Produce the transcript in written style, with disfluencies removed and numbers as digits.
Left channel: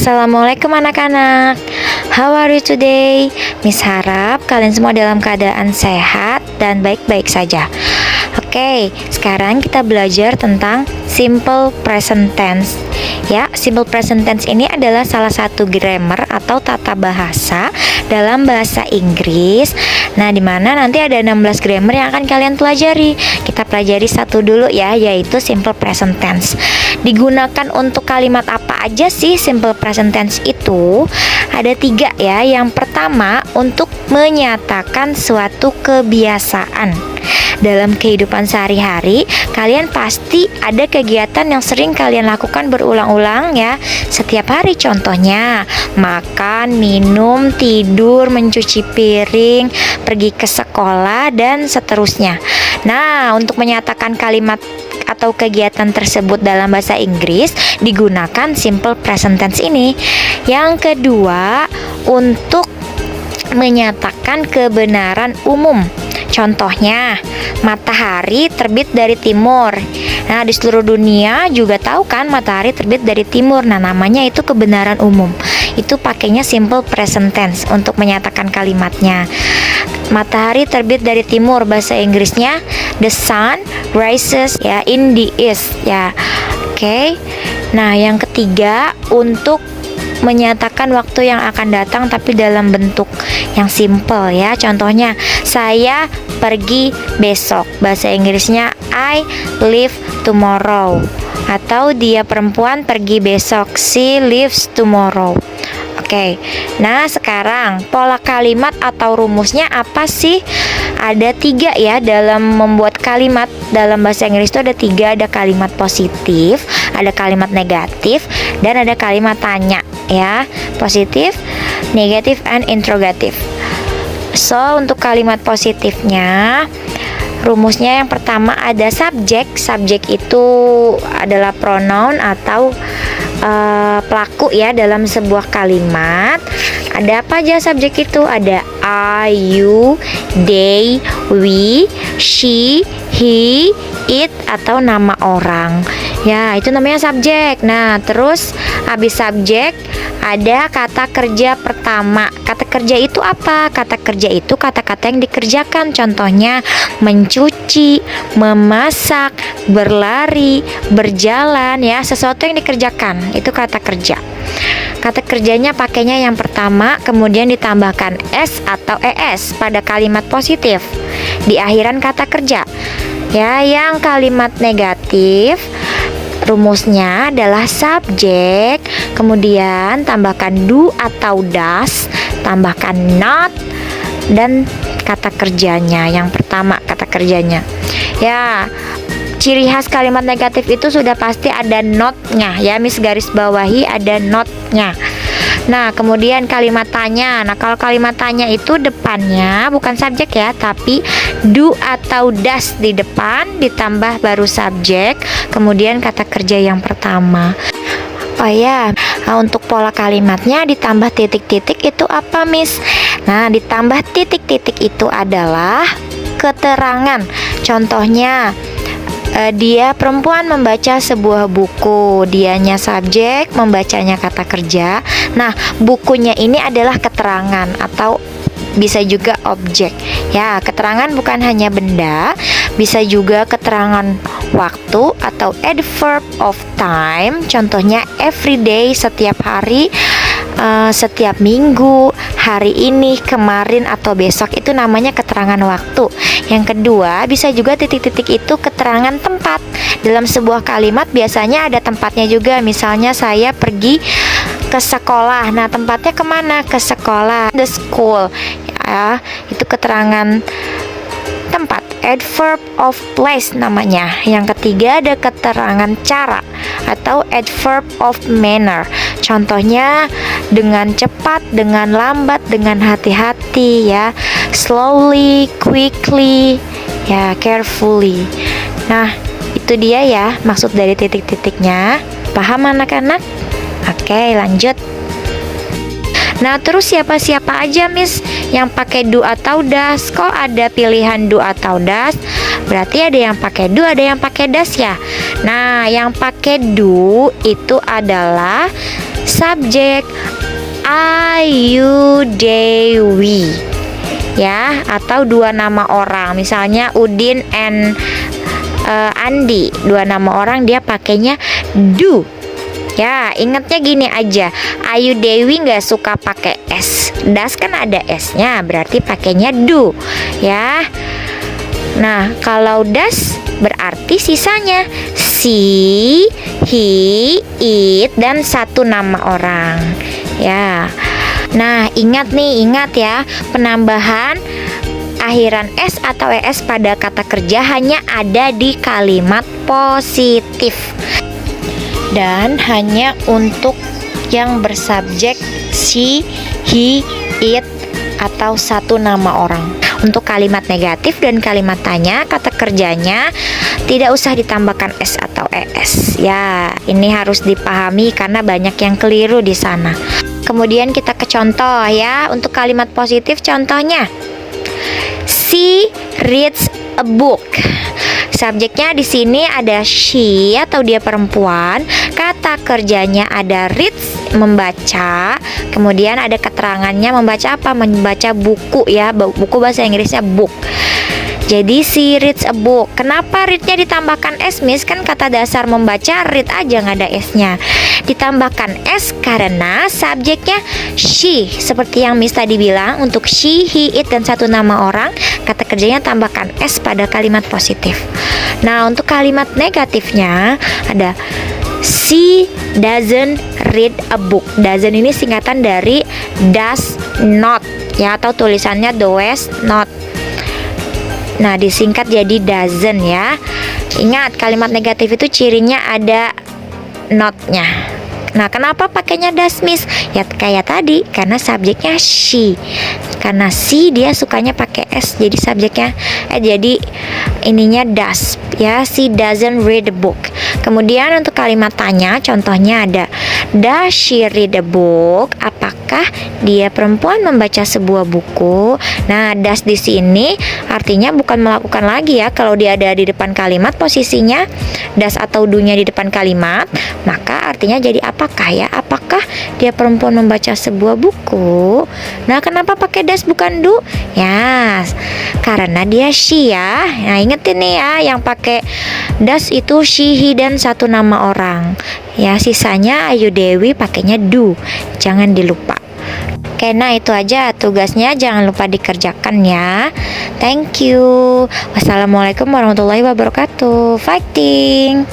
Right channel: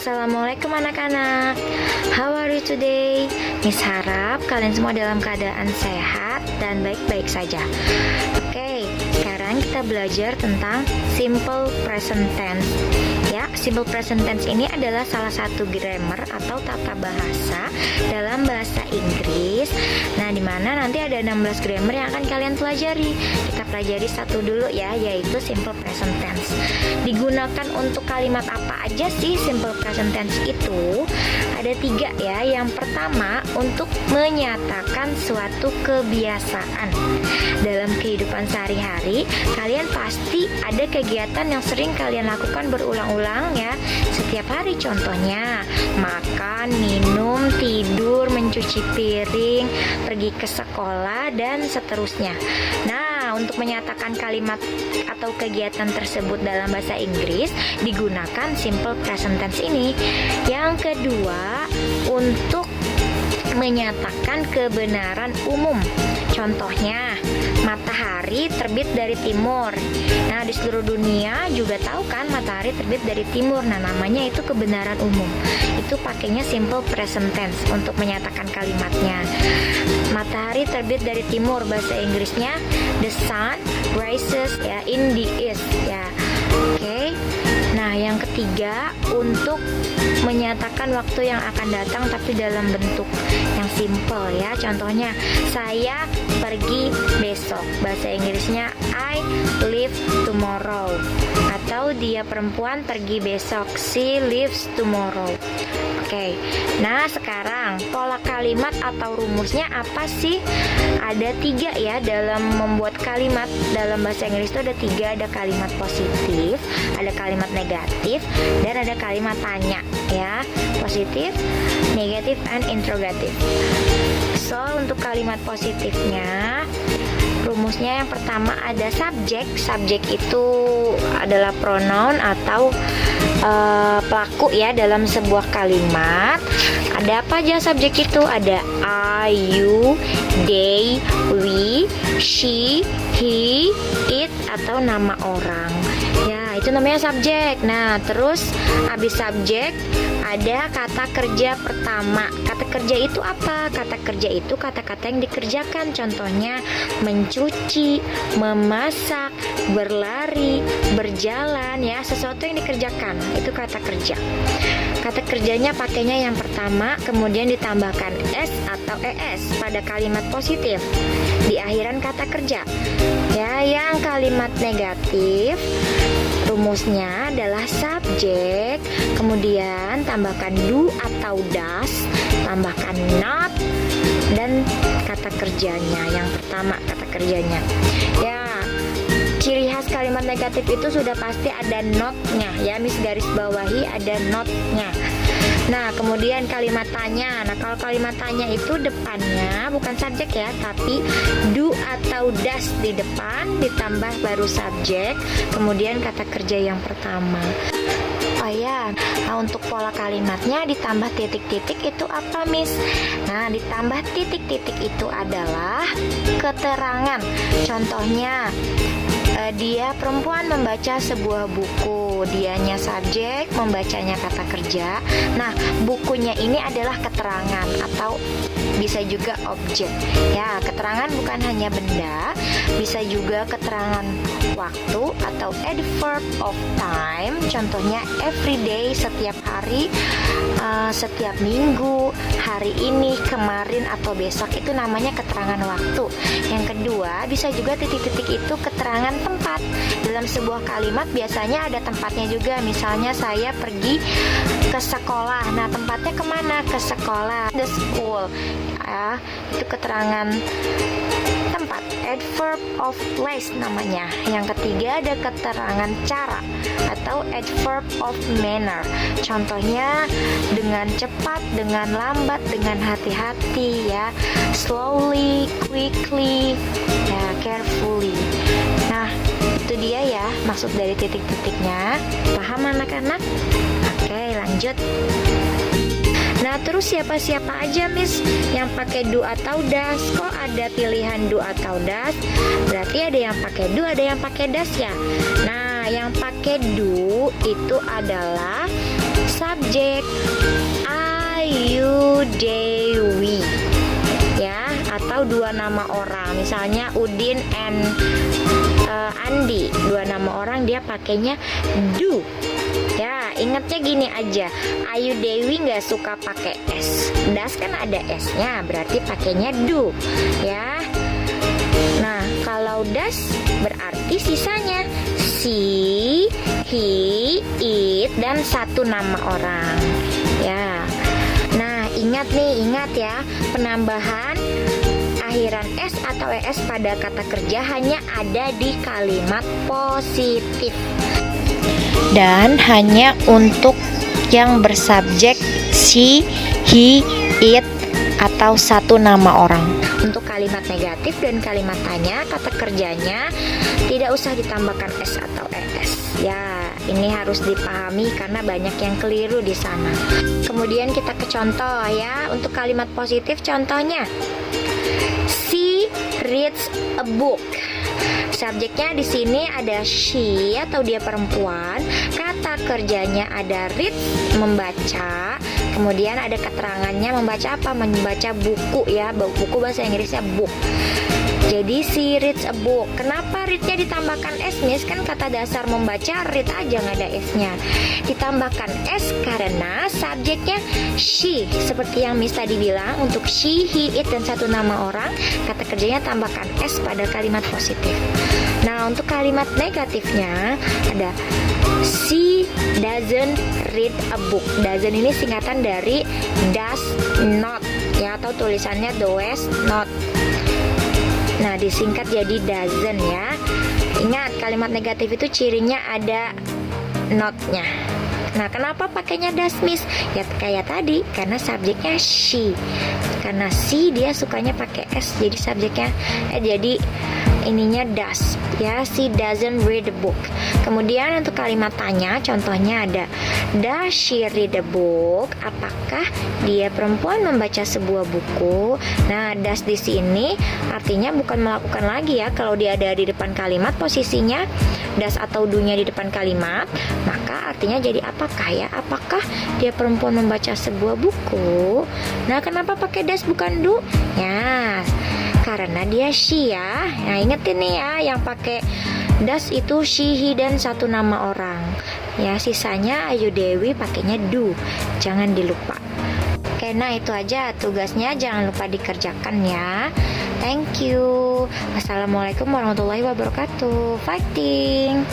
Assalamualaikum anak-anak. How are you today? Miss harap kalian semua dalam keadaan sehat dan baik-baik saja. Oke, sekarang kita belajar tentang simple present tense. Ya, simple present tense ini adalah salah satu grammar atau tata bahasa dalam bahasa Inggris. Nah, dimana nanti ada 16 grammar yang akan kalian pelajari. Kita pelajari satu dulu ya, yaitu simple present tense. Digunakan untuk kalimat apa aja sih simple present tense itu? Ada 3 ya. Yang pertama, untuk menyatakan suatu kebiasaan. Dalam kehidupan sehari-hari, kalian pasti ada kegiatan yang sering kalian lakukan berulang-ulang ya setiap hari. Contohnya makan, minum, tidur, mencuci piring, pergi ke sekolah, dan seterusnya. Nah, untuk menyatakan kalimat atau kegiatan tersebut dalam bahasa Inggris digunakan simple present tense ini. Yang kedua, untuk menyatakan kebenaran umum. Contohnya, matahari terbit dari timur. Nah, di seluruh dunia juga tahu kan matahari terbit dari timur. Nah, namanya itu kebenaran umum. Itu pakainya simple present tense untuk menyatakan kalimatnya. Matahari terbit dari timur, bahasa Inggrisnya the sun rises ya in the east ya. Oke. Nah, yang ketiga, untuk menyatakan waktu yang akan datang tapi dalam bentuk yang simple ya. Contohnya, saya pergi besok, bahasa Inggrisnya I leave tomorrow. Atau dia perempuan pergi besok, she leaves tomorrow. Oke. Nah, sekarang pola kalimat atau rumusnya apa sih? Ada 3 ya dalam membuat kalimat. Dalam bahasa Inggris itu ada 3, ada kalimat positif, ada kalimat negatif, dan ada kalimat tanya ya. Positif, negatif, and interrogative. So, untuk kalimat positifnya, rumusnya yang pertama ada subjek. Subjek itu adalah pronoun atau pelaku ya dalam sebuah kalimat. Ada apa aja subjek itu? Ada I, you, they, we, she, he, it, atau nama orang. Ya, itu namanya subjek. Nah, terus habis subjek ada kata kerja pertama. Kata kerja itu apa? Kata kerja itu kata-kata yang dikerjakan. Contohnya mencuci, memasak, berlari, berjalan ya, sesuatu yang dikerjakan. Itu kata kerja. Kata kerjanya pakainya yang pertama, kemudian ditambahkan s atau es pada kalimat positif di akhiran kata kerja. Ya, yang kalimat negatif rumusnya adalah subjek, kemudian tambahkan do atau does, tambahkan not, dan kata kerjanya. Yang pertama kata kerjanya. Ya, ciri khas kalimat negatif itu sudah pasti ada not-nya ya, Miss garis bawahi ada not-nya. Nah, kemudian kalimat tanya. Nah, kalau kalimat tanya itu depannya bukan subjek ya, tapi do atau does di depan ditambah baru subjek, kemudian kata kerja yang pertama. Oh ya, nah, untuk pola kalimatnya ditambah titik-titik itu apa, Miss? Nah, ditambah titik-titik itu adalah keterangan. Contohnya, dia perempuan membaca sebuah buku. Dianya subjek, membacanya kata kerja. Nah, bukunya ini adalah keterangan atau bisa juga objek. Ya, keterangan bukan hanya benda, bisa juga keterangan waktu atau adverb of time. Contohnya every day, setiap hari, setiap minggu, hari ini, kemarin, atau besok. Itu namanya keterangan waktu. Yang kedua, bisa juga titik-titik itu keterangan tempat. Dalam sebuah kalimat biasanya ada tempatnya juga. Misalnya saya pergi ke sekolah. Nah, tempatnya kemana? Ke sekolah, the school ya. Itu keterangan tempat, adverb of place namanya. Yang ketiga ada keterangan cara atau adverb of manner. Contohnya dengan cepat, dengan lambat, dengan hati-hati ya, slowly, quickly ya, carefully. Nah, itu dia ya maksud dari titik-titiknya. Paham anak-anak? Oke, lanjut. Nah, terus siapa-siapa aja, Miss, yang pakai do atau does? Kok ada pilihan do atau does? Berarti ada yang pakai do, ada yang pakai does ya. Nah, yang pakai do itu adalah subjek Ayu Dewi, ya, atau dua nama orang, misalnya Udin and Andi, dua nama orang, dia pakainya do. Ya, ingatnya gini aja, Ayu Dewi nggak suka pakai S, das kan ada S-nya, berarti pakainya do, ya. Nah, kalau das berarti sisanya she, he, it, dan satu nama orang, ya. Nah, ingat ya, penambahan akhiran S atau ES pada kata kerja hanya ada di kalimat positif dan hanya untuk yang bersubjek she, he, it, atau satu nama orang. Untuk kalimat negatif dan kalimat tanya, kata kerjanya tidak usah ditambahkan S atau ES. Ya, ini harus dipahami karena banyak yang keliru di sana. Kemudian kita ke contoh ya. Untuk kalimat positif contohnya, she reads a book. Subjeknya di sini ada she atau dia perempuan. Kata kerjanya ada reads, membaca. Kemudian ada keterangannya membaca apa? Membaca buku ya. Buku bahasa Inggrisnya book. Jadi she reads a book. Kenapa read-nya ditambahkan S, Miss? Kan kata dasar membaca read aja nggak ada S-nya. Ditambahkan S karena subjeknya she. Seperti yang Miss tadi bilang, untuk she, he, it, dan satu nama orang, kata kerjanya tambahkan S pada kalimat positif. Nah, untuk kalimat negatifnya ada she doesn't read a book. Doesn't ini singkatan dari does not ya, atau tulisannya does not. Nah, disingkat jadi doesn't ya. Ingat, kalimat negatif itu cirinya ada not-nya. Nah, kenapa pakainya does, Miss? Ya kayak tadi, karena subjeknya she. Karena she dia sukanya pakai S, jadi subjeknya jadi ininya does ya. She doesn't read the book. Kemudian untuk kalimat tanya, contohnya ada does she read a book? Apakah dia perempuan membaca sebuah buku? Nah, does di sini artinya bukan melakukan lagi ya. Kalau dia ada di depan kalimat, posisinya does atau do-nya di depan kalimat, maka artinya jadi apakah ya? Apakah dia perempuan membaca sebuah buku? Nah, kenapa pakai does bukan do? Ya, karena dia she ya. Nah, ingetin nih ya, yang pakai does itu she, he, dan satu nama orang. Ya, sisanya Ayu Dewi pakainya do. Jangan dilupa. Oke, nah itu aja tugasnya, jangan lupa dikerjakan ya. Thank you. Wassalamualaikum warahmatullahi wabarakatuh. Fighting.